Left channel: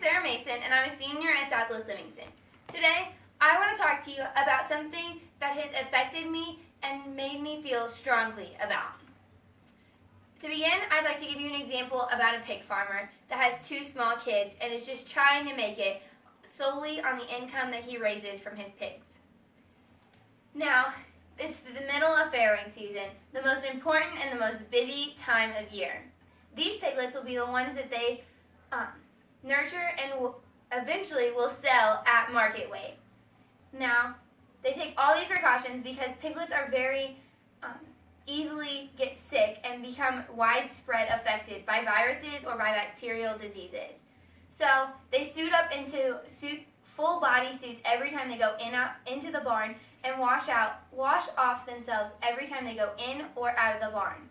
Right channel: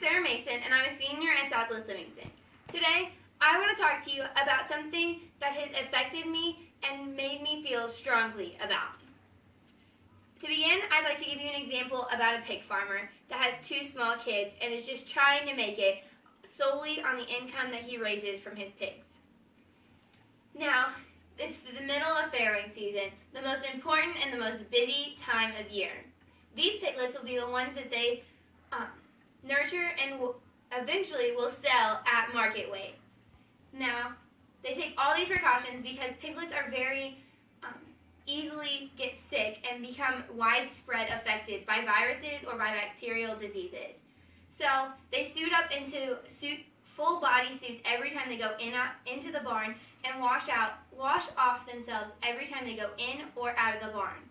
Sarah Mason, and I'm a senior at Southwest Livingston. Today, I want to talk to you about something that has affected me and made me feel strongly about. To begin, I'd like to give you an example about a pig farmer that has two small kids and is just trying to make it solely on the income that he raises from his pigs. Now, it's the middle of farrowing season, the most important and the most busy time of year. These piglets will be the ones that they nurture and eventually will sell at market weight. Now, they take all these precautions because piglets are very easily get sick and become widespread affected by viruses or by bacterial diseases. So they suit up into full body suits every time they go into the barn and wash off themselves every time they go in or out of the barn.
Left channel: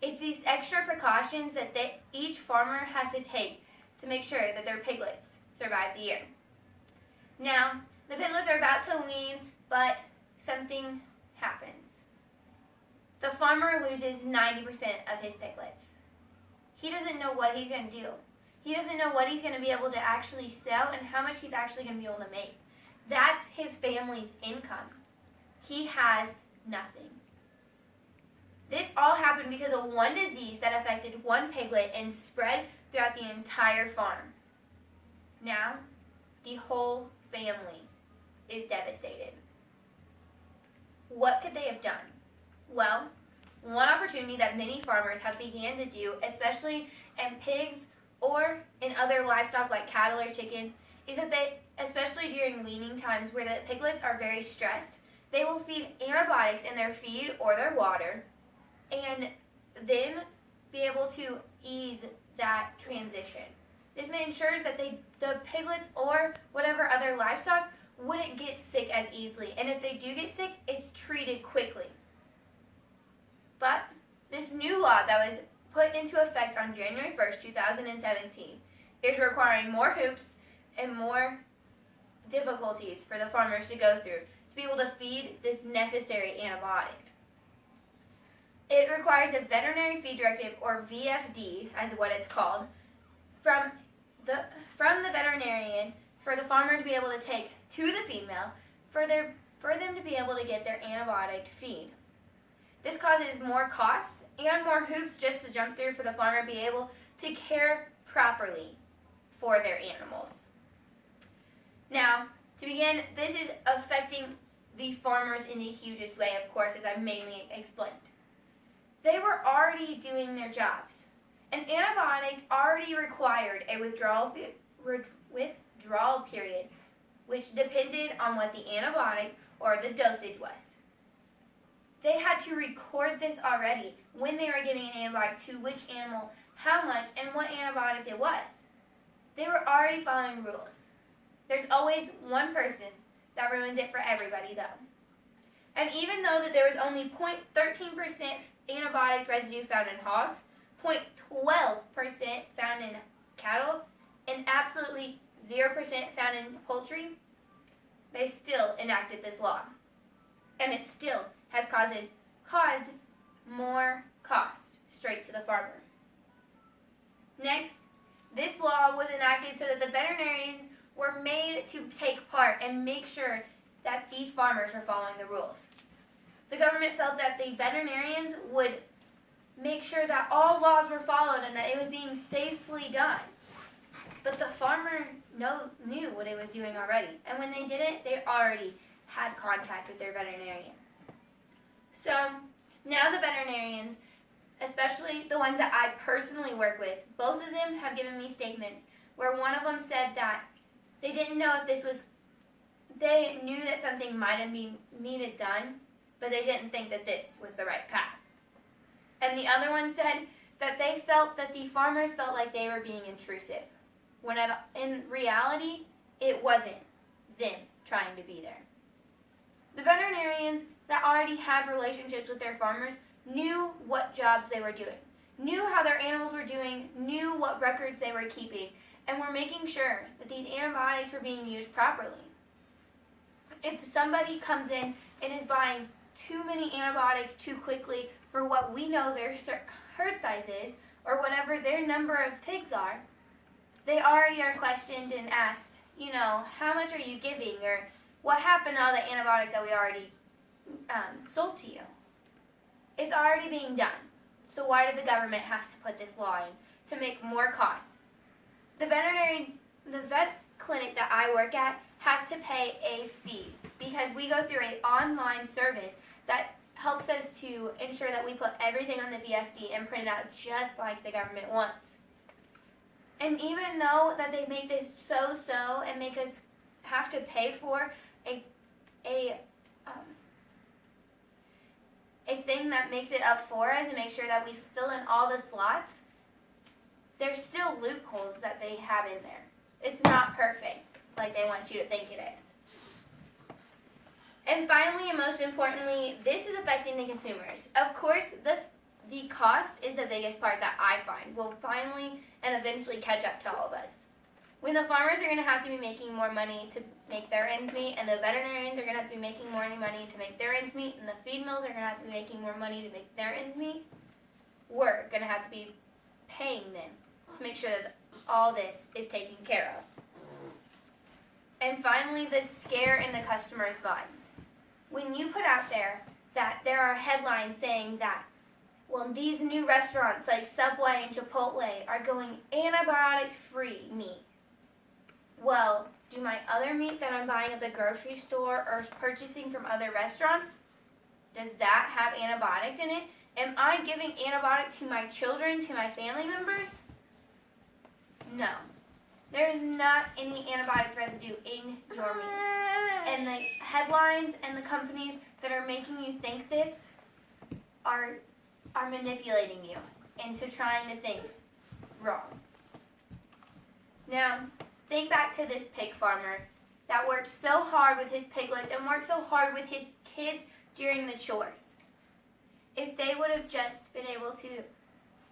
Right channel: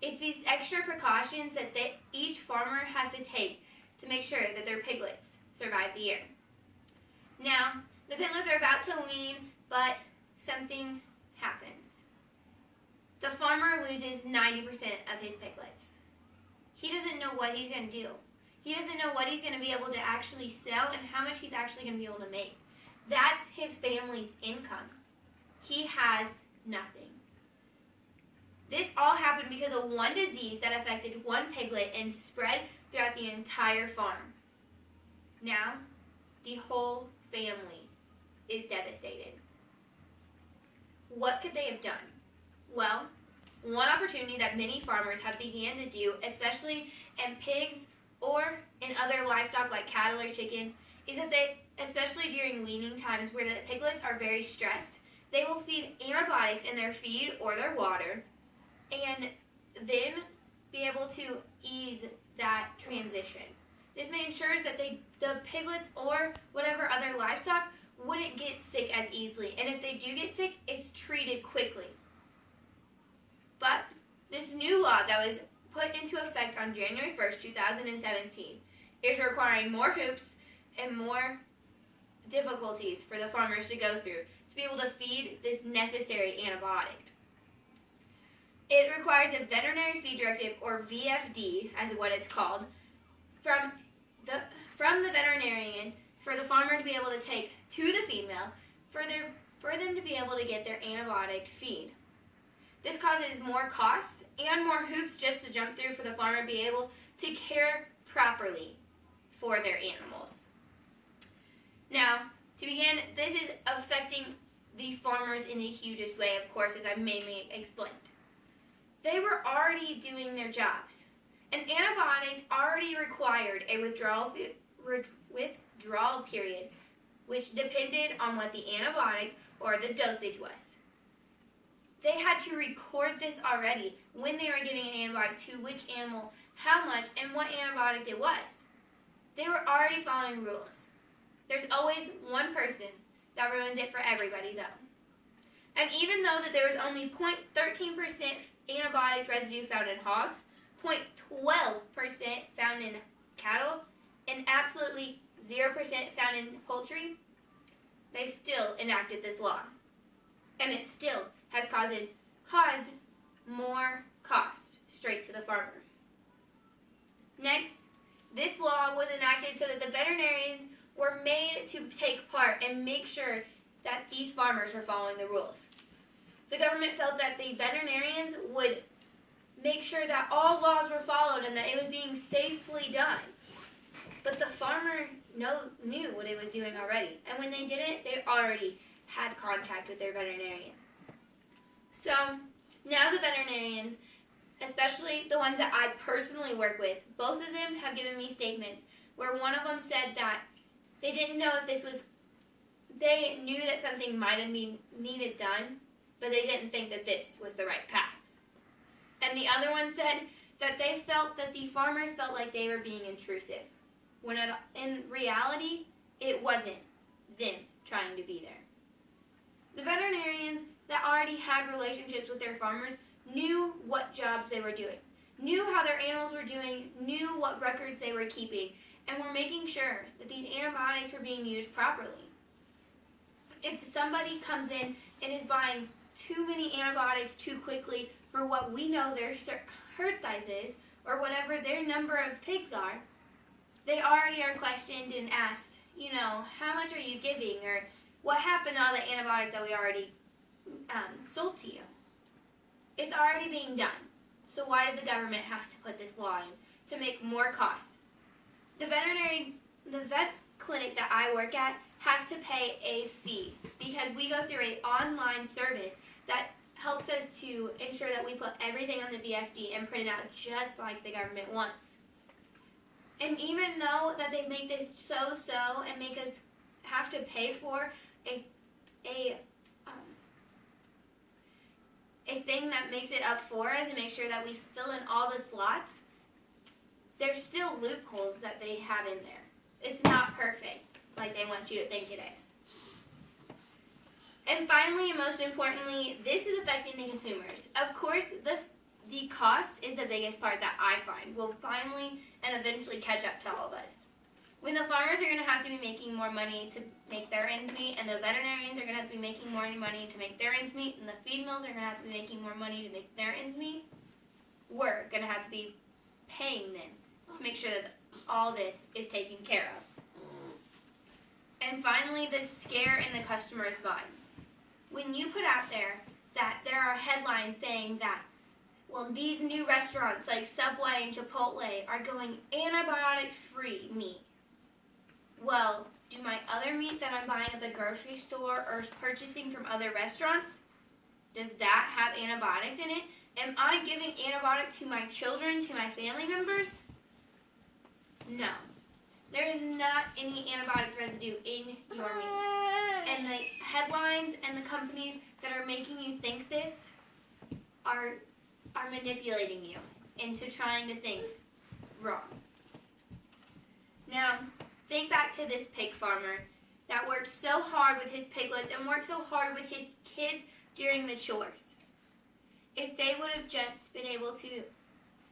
It's these extra precautions that each farmer has to take to make sure that their piglets survive the year. Now, the piglets are about to wean, but something happens. The farmer loses 90% of his piglets. He doesn't know what he's going to do. He doesn't know what he's going to be able to actually sell and how much he's actually going to be able to make. That's his family's income. He has nothing. This all happened because of one disease that affected one piglet and spread throughout the entire farm. Now, the whole family is devastated. What could they have done? Well, one opportunity that many farmers have began to do, especially in pigs or in other livestock like cattle or chicken, is that they, especially during weaning times where the piglets are very stressed, they will feed antibiotics in their feed or their water and then be able to ease that transition. This ensures that the piglets or whatever other livestock wouldn't get sick as easily, and if they do get sick, it's treated quickly. But this new law that was put into effect on January 1st, 2017 is requiring more hoops and more difficulties for the farmers to go through to be able to feed this necessary antibiotic. It requires a veterinary feed directive, or VFD, as what it's called, from the veterinarian for the farmer to be able to take to the feed mill for them to be able to get their antibiotic feed. This causes more costs and more hoops just to jump through for the farmer to be able to care properly for their animals. Now, to begin, this is affecting the farmers in the hugest way, of course, as I've mainly explained. They were already doing their jobs. An antibiotic already required a withdrawal period, which depended on what the antibiotic or the dosage was. They had to record this already when they were giving an antibiotic to which animal, how much, and what antibiotic it was. They were already following rules. There's always one person that ruins it for everybody, though. And even though that there was only 0.13% antibiotic residue found in hogs, 0.12% found in cattle, and absolutely 0% found in poultry, they still enacted this law. And it still has caused more cost straight to the farmer. Next, this law was enacted so that the veterinarians were made to take part and make sure that these farmers were following the rules. The government felt that the veterinarians would make sure that all laws were followed and that it was being safely done. But the farmer knew what it was doing already. And when they didn't, they already had contact with their veterinarian. So now the veterinarians, especially the ones that I personally work with, both of them have given me statements where one of them said that they didn't know if this was, they knew that something might have been needed done, but they didn't think that this was the right path. And the other one said that they felt that the farmers felt like they were being intrusive, when in reality, it wasn't them trying to be there. The veterinarians that already had relationships with their farmers knew what jobs they were doing, knew how their animals were doing, knew what records they were keeping, and were making sure that these antibiotics were being used properly. If somebody comes in and is buying too many antibiotics too quickly for what we know their herd size is, or whatever their number of pigs are, they already are questioned and asked, how much are you giving, or what happened to all the antibiotic that we already sold to you? It's already being done. So why did the government have to put this law in to make more costs? The vet clinic that I work at has to pay a fee because we go through an online service that helps us to ensure that we put everything on the VFD and print it out just like the government wants. And even though that they make this so and make us have to pay for a thing that makes it up for us and make sure that we fill in all the slots, there's still loopholes that they have in there. It's not perfect like they want you to think it is. And finally, and most importantly, this is affecting the consumers. Of course, the cost is the biggest part that I find will finally and eventually catch up to all of us. When the farmers are going to have to be making more money to make their ends meet, and the veterinarians are going to have to be making more money to make their ends meet, and the feed mills are going to have to be making more money to make their ends meet, we're going to have to be paying them to make sure that all this is taken care of. And finally, the scare in the customer's minds. When you put out there that there are headlines saying that, well, these new restaurants like Subway and Chipotle are going antibiotic-free meat. Well, do my other meat that I'm buying at the grocery store or purchasing from other restaurants, does that have antibiotics in it? Am I giving antibiotic to my children, to my family members? No. There is not any antibiotic residue in your meat. And the headlines and the companies that are making you think this are manipulating you into trying to think wrong. Now, think back to this pig farmer that worked so hard with his piglets and worked so hard with his kids during the chores. If they would have just been able to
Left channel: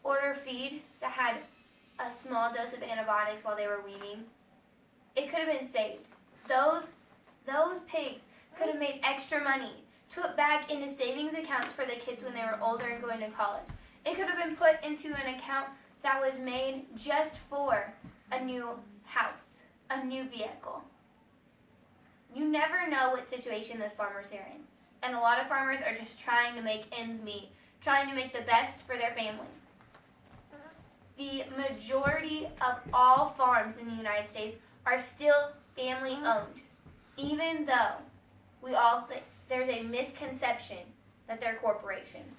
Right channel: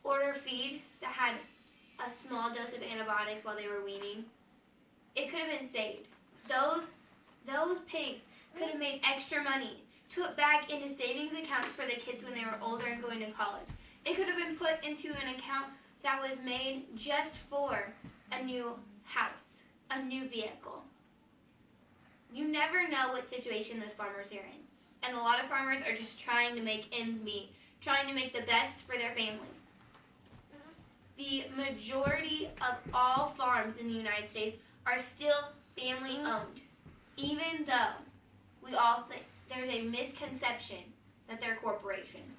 order feed that had a small dose of antibiotics while they were weaning, it could have been saved. Those pigs could have made extra money to put back into savings accounts for the kids when they were older and going to college. It could have been put into an account that was made just for a new house, a new vehicle. You never know what situation those farmers are in. And a lot of farmers are just trying to make ends meet, trying to make the best for their family. The majority of all farms in the United States are still family owned, even though we all think there's a misconception that they're corporations.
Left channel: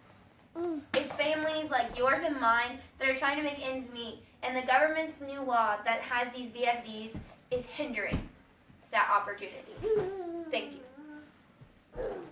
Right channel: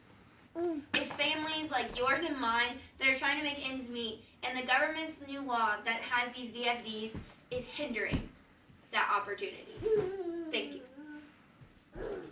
It's families like yours and mine that are trying to make ends meet, and the government's new law that has these VFDs is hindering that opportunity. Thank you.